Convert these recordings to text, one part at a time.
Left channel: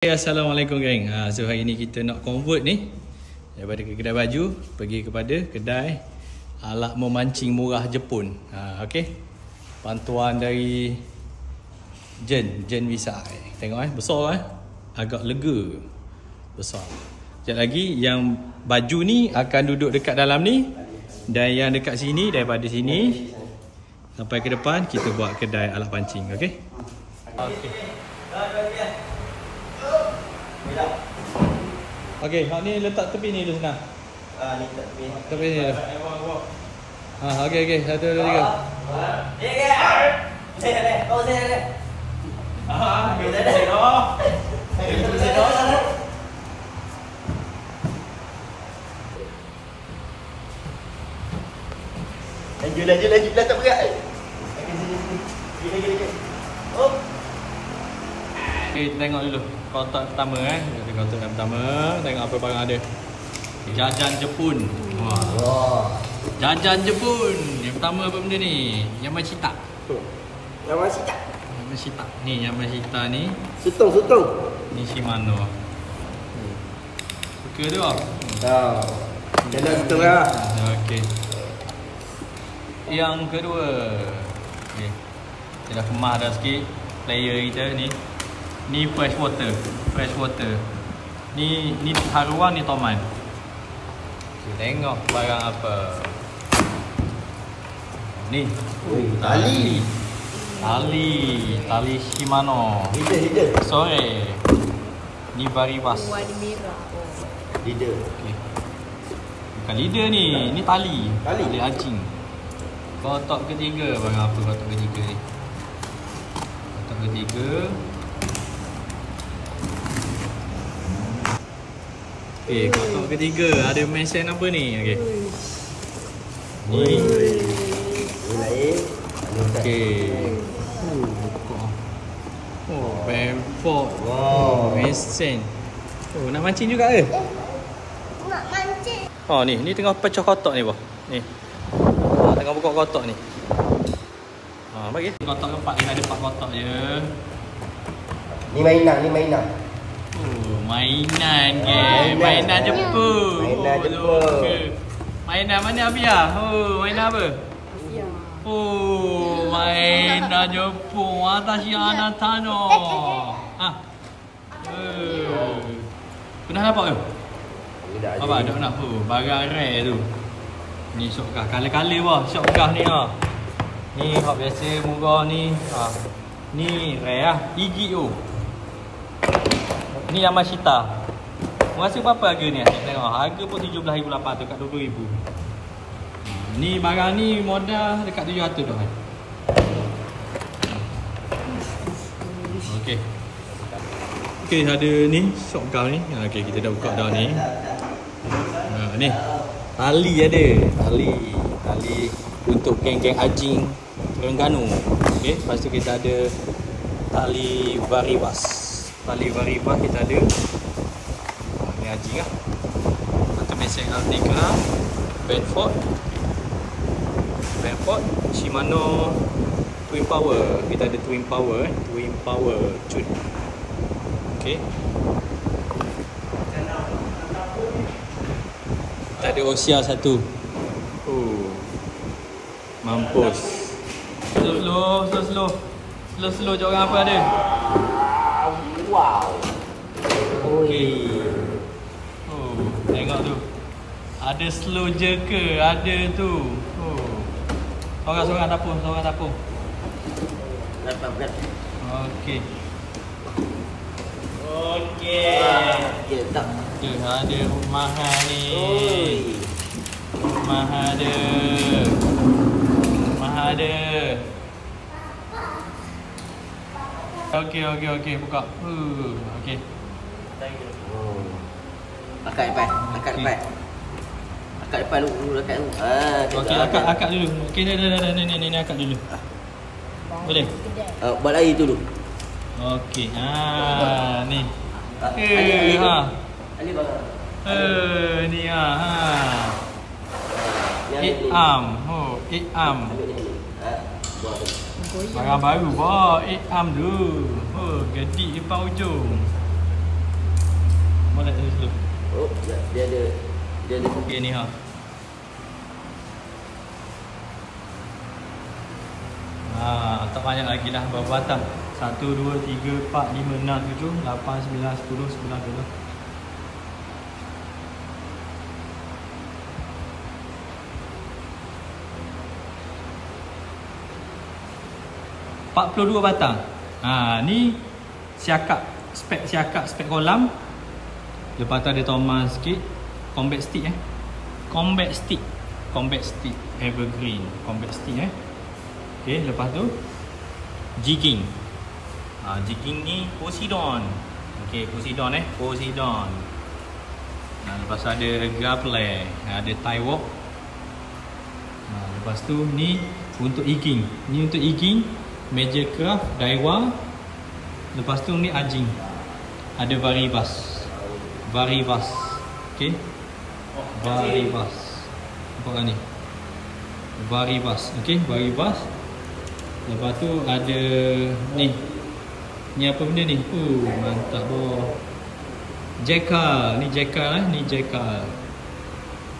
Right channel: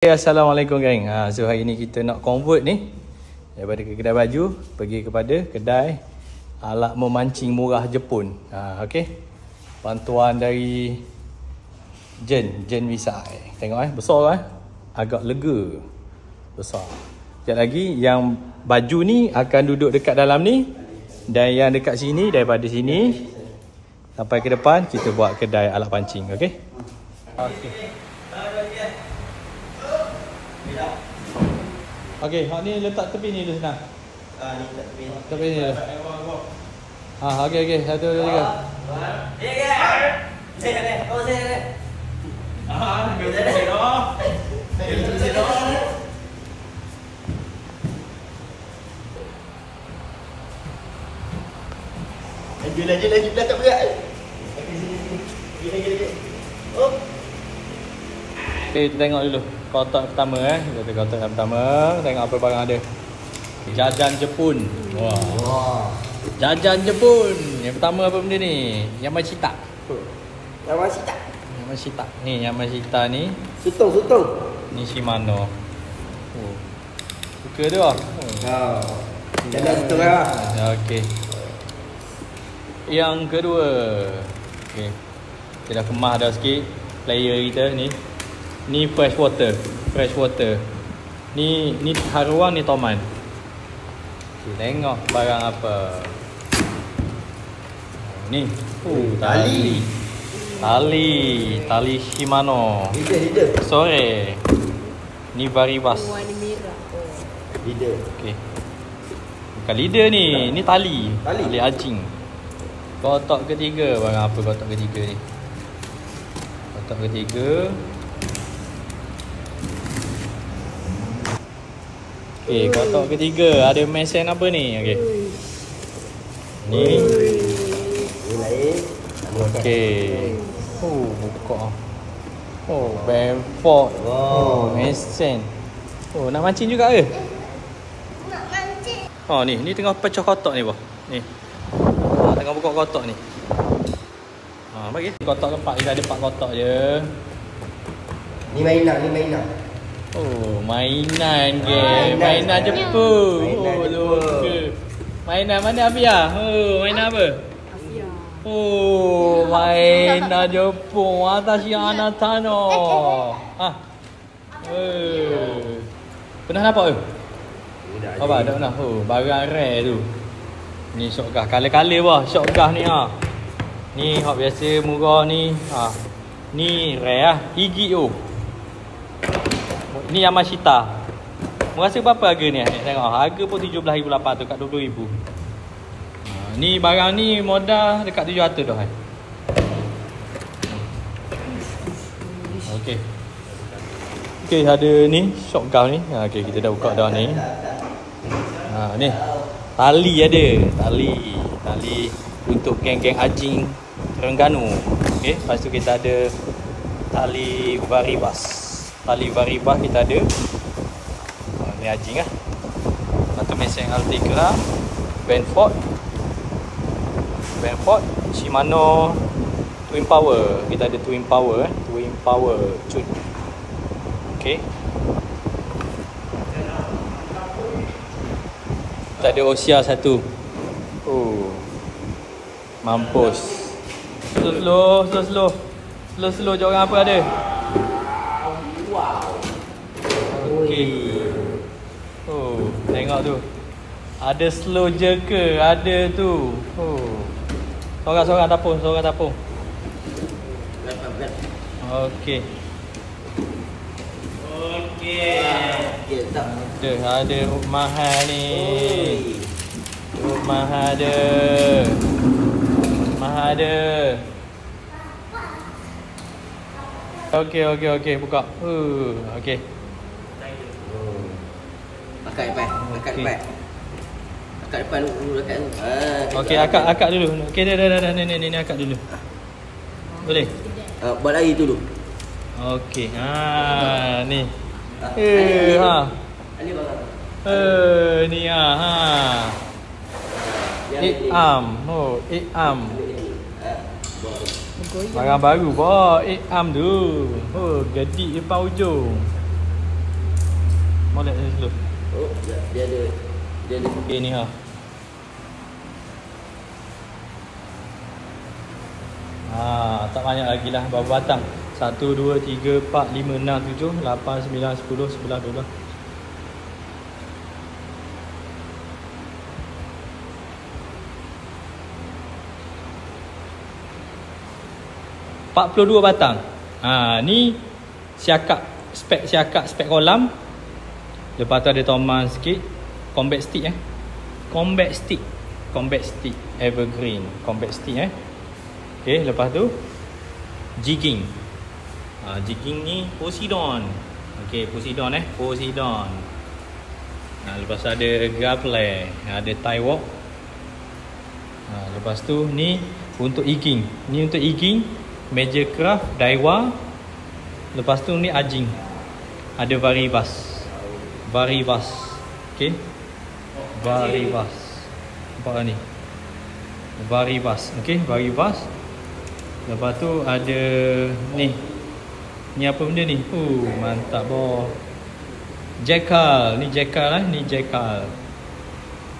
Assalamualaikum geng. So hari ni kita nak convert ni daripada kedai baju pergi kepada kedai alat memancing murah Jepun. Okey. Bantuan dari Jen Visa. Tengok besar agak lega. Besar. Sekejap lagi yang baju ni akan duduk dekat dalam ni dan yang dekat sini daripada sini sampai ke depan kita buat kedai alat pancing. Okey. Okey, hak ni letak tepi ni dulu senang. Ni letak tepi. Tepi ni. Okey. 1, 2, 3. Saya. Betul dah. Betul dah. Laju tak berat. Lagi. Oh. Okay, tengok dulu kotak pertama Kita kotak pertama, tengok apa barang ada. Jajan Jepun. Wah. Jajan Jepun. Yang pertama apa benda ni? Yamashita. Ni Yamashita ni. Sutong. Ni Shimano. Suka tu ah. Jalan sutong lah. Okey. Yang kedua. Okey. Kita dah kemas dah sikit player kita ni. Ni fresh water. Ni haruan, ni toman. Tengok barang apa. Ni. Tali Shimano. Leader. Sore. Ni Varibas. Warna merah. Leader. Okey. Bukan leader ni. Ni tali anjing. Kotak ketiga. Barang apa kotak ketiga ni? Kotak ketiga. Okey, kotak ketiga ada mesin apa ni? Okey. Ni. Lain. Okey. Buka. Benford. Mesin. Nak mancing juga ke? Nak mancing. Ni tengah pecah kotak ni, Ni. Tengah buka kotak ni. Bagi. Kotak keempat dia ada 4 kotak je. Ni mainan. Mainan ke? Mainan Jepun. Mainan mana Abia? Mainan apa? Afia. Mainan Jepun. Watashi anata no. Pernah nampak ke? Apa? Dah. Barang rare tu. Ni shotgun. Kala-kala shotgun ni Ni hak biasa murah ni. Ni rare Higi tu. Ni Yamashita. Rasa berapa harga ni? Tengok harga pun 17,800 kat 20,000. Ni barang ni modal dekat 700 dah. Okey, ada ni shotgun ni. Okey, kita dah buka dah ni. Ni. Tali ada. Tali untuk geng-geng anjing Terengganu. Okey, lepas tu kita ada tali Varibas. Kita ada. Ni anjing lah. Satu mesin Altegra, Benford, Shimano Twin Power. Kita ada Twin Power Cun. Okey. Kita ada Osia satu. Mampus. Slow jangan apa ada. Wow. Okey. Tengok tu. Ada slow je ke? Ada tu. Sorang tapung. Berat. Okey. Tak. Ada mahal ni. Mahal ada. Okey, buka. Okey. Akak depan. Akak depan dulu. Okey, akak dulu. Okey, dah. Ni akak dulu. Boleh? Buat lagi dulu. Okey. Ni. Ali barang. Ni Ikam. Barang baru. 8 tu. Gedik depan ujung. Dia ada Okey ni ha. Tak banyak lagi lah berapa batang. 1, 2, 3, 4, 5, 6, 7, 8, 9, 10, 11, 12. ...42 batang. Ni siakak, spek kolam. Lepas tu ada toman sikit. Combat stick Combat stick evergreen. Combat stick Okay, lepas tu jigging. Jigging ni Poseidon. Okay, Poseidon Poseidon. Lepas tu ada grappler, ada tie walk. Lepas tu ni untuk egging. Ni untuk egging Major Craft, Daiwa. Lepas tu ni ajing. Ada Varibas. Okay, Varibas. Nampak tak ni? Varibas. Okay, Varibas. Lepas tu ada ni. Ni apa benda ni? Mantap boh. Jackal. Ni Jackal Ni Jackal.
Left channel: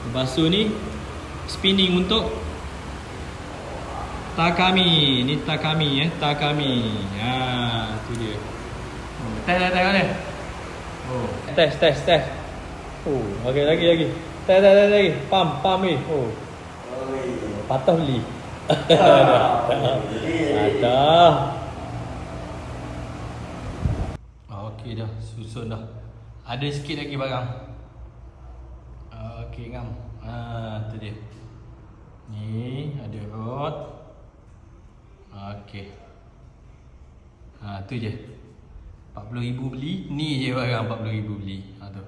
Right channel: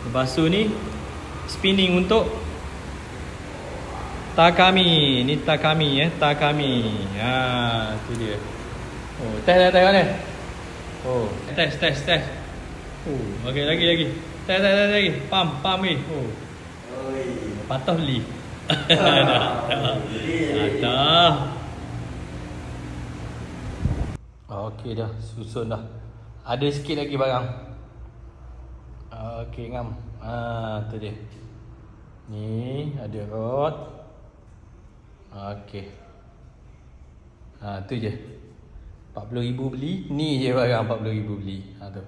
Lepas tu ni spinning untuk Takami. Ni Takami Takami. Tu dia. Test kan? Test. Lagi. Test lagi. Pam ni. Patah beli. Patah. Okey dah, susun dah. Ada sikit lagi barang. Okey ngam. Tu dia. Ni ada rod. Okey. Tu je. 40,000 beli. Ni je barang 40,000 beli. Tu.